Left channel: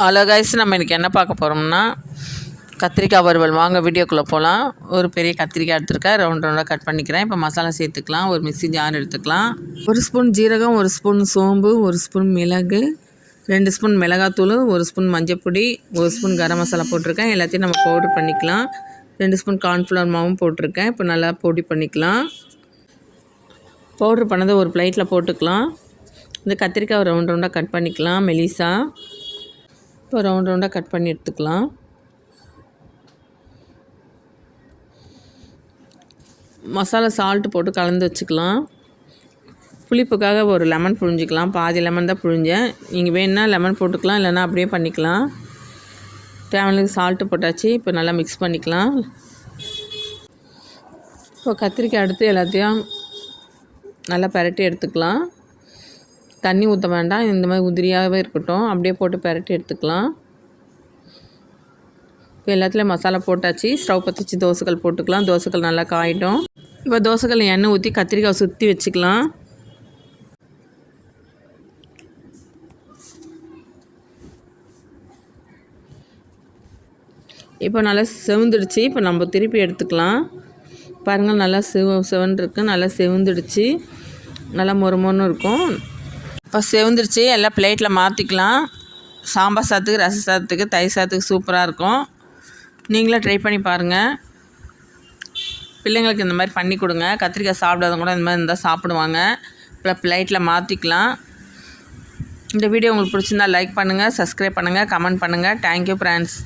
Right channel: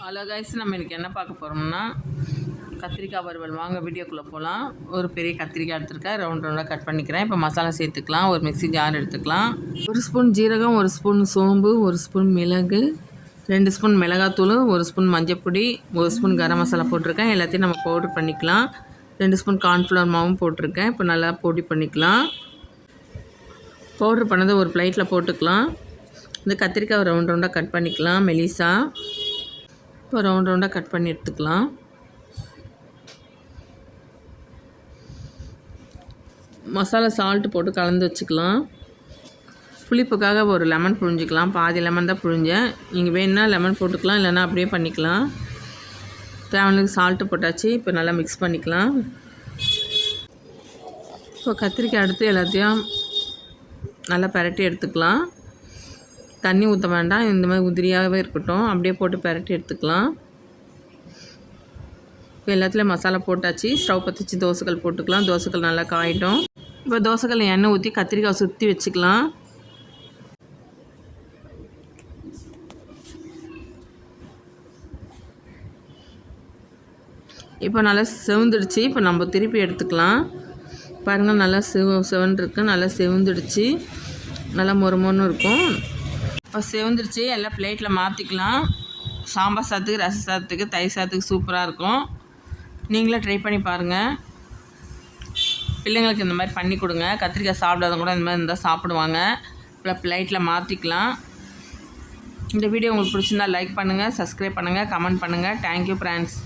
Hello guys நம்ம இன்றைக்கி என்ன பார்க்க போகிறோம்னா கத்திரிக்காய் வறுவல். வாங்க வீடியோக்குள்ளே போகலாம் ஒரு பெரிய கத்திரிக்காய் எடுத்துருக்கேன். ரவுண்ட் ரவுண்டாக கட் பண்ணிக்கிறேன். இப்போ மசாலா சேர்த்துக்கலாம். ஒரு மிக்சி ஜார் எடுத்துக்கலாம். ஒரு ஸ்பூன் ஜீரகம் ஒரு ஸ்பூன் சோம்பு ஒரு ஸ்பூன் மிளகு ரெண்டு ஸ்பூன் மிளகாத்தூள் ஒரு ஸ்பூன் மஞ்சப்பொடி ஒரு ஸ்பூன் கரம் மசாலா போட்டிருக்கேன். எல்லாத்தையும் நம்ம பவுடர் பண்ணிக்கலாம். ரெண்டு ஸ்பூன் கார்ன்ஃப்ளவர் மாவும் போட்டிருக்கேன். இப்போ நல்லா பொடி பண்ணிக்கலாம். பவுட்ரு பண்ணதை ஒரு பிளேட்டில் போட்டுக்கலாம். இந்த கத்திரிக்காய் ரவுண்ட் ரவுண்டாக கட் பண்ணிக்கலாம். மெலிசா. இப்போ ரவுண்ட் ரவுண்டாக கட் பண்ணி எடுத்துக்கலாம். மசாலா சால்ட்டு போட்டு கலந்து வச்சுக்கலாம். புளிப்புக்காக ஒரு லெமன் புழிஞ்சிக்கலாம். பாதி லெமன் தான் புழிஞ்சேன். நீங்கள் வேணுன்னா லெமன் போட்டுக்கலாம் இல்லைன்னா அப்படியே பண்ணிக்கலாம். தேவையான சால்ட்டு போட்டாச்சு இப்போ நல்லா மிக்ஸ் பண்ணிக்கலாம். இப்போ கத்திரிக்காய் எடுத்து எல்லாத்தையும் நல்லா பரட்டி எடுத்துக்கலாம். தண்ணி ஊற்ற வேண்டாம். இந்த மாதிரி உதிரியாகவே இருக்கட்டும். அப்படியே போட்டு பரட்டி எடுத்துக்கலாம். இப்போ எல்லாத்துலேயும் மசாலா போட்டாச்சு. ஸ்டவ் பற்றிச்சு தோசைகள் போட்டுக்கலாம். தோசைகள் நல்லா காயிட்டும். இப்போ தோசைகள் எண்ணெய் ஊற்றி கத்திரிக்காய் சுற்றி வச்சுக்கலாம். இப்போ நல்லா செவந்துடுச்சு. இப்போ நம்ம திருப்பி எடுத்துக்கலாம். பாருங்கள் நல்லா செவ செவன்ருக்கு நல்லா செவந்துடுச்சு. நல்லா மொறு மொறுன்னு இருக்கும். இப்போ செவந்துருச்சு. எல்லாம் பிளேட்டில் மாற்றிக்கலாம் சாம்பார் சாதத்துக்கு ரச சாதத்துக்கு தயிர் சாதத்துக்கு சூப்பராக இருக்கும். நீங்களே ட்ரை பண்ணி பாருங்கள் பிள்ளைங்களுக்கு இந்த மாதிரி பண்ணி கொடுங்க. கத்திரிக்காய் சாப்பிடாதவங்க கூட இந்த மாதிரி இருந்தால் சாப்பிடுவாங்க. இப்போ பிளேட்டில் மாற்றிக்கலாம் இந்த வீடியோ உங்களுக்கு பிடிச்சிருந்தா லைக் பண்ணுங்கள் சப்ஸ்கிரைப் பண்ணுங்கள் கமெண்ட் பண்ணுங்கள் தேங்க்யூ ஃப்ரெண்ட்ஸ்